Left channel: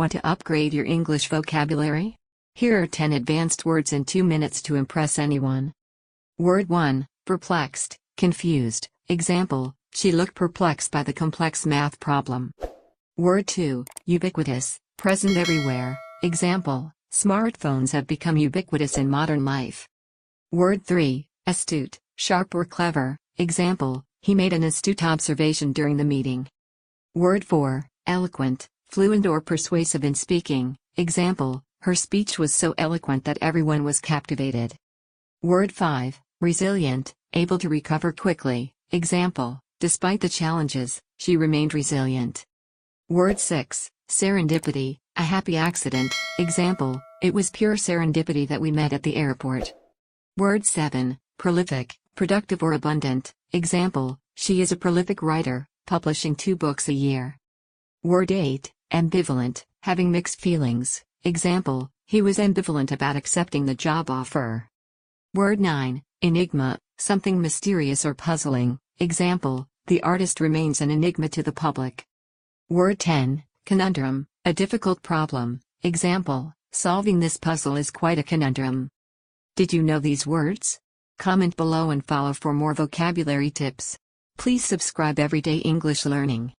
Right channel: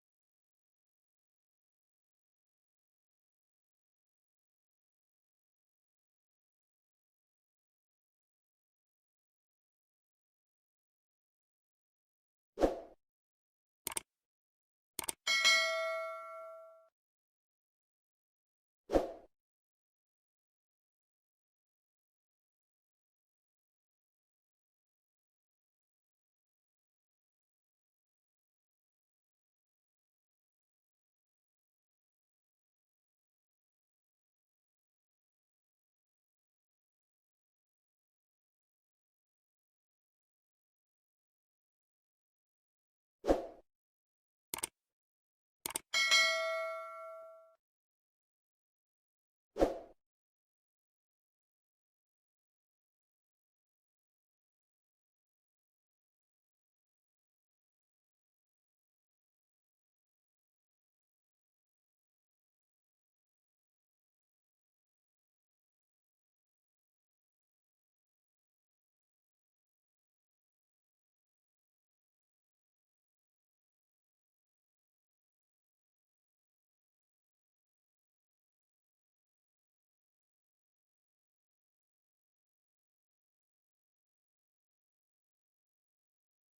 Want to upgrade your English vocabulary? Here are 10 advanced words in 2 minutes to impress anyone. Word 1, perplexed, confused. Example, she looked perplexed by the complex math problem. Word 2, ubiquitous, present everywhere. Example, smartphones have become ubiquitous in modern life. Word 3, astute, sharp or clever. Example, he made an astute observation during the meeting. Word 4, eloquent, fluent or persuasive in speaking. Example, her speech was so eloquent that everyone was captivated. Word 5, resilient, able to recover quickly. Example, despite the challenges, she remained resilient. Word 6, serendipity, a happy accident. Example, it was pure serendipity that we met at the airport. Word 7, prolific, productive or abundant. Example, she is a prolific writer, publishing 2 books a year. Word 8, ambivalent, having mixed feelings. Example, he was ambivalent about accepting the job offer. Word 9, enigma, something mysterious or puzzling. Example, the artist remains an enigma to the public. Word 10, conundrum, a difficult problem. Example, solving this puzzle is quite a conundrum. Did you know these words? Comment below and follow for more vocabulary tips. Please subscribe Everyday English Learning.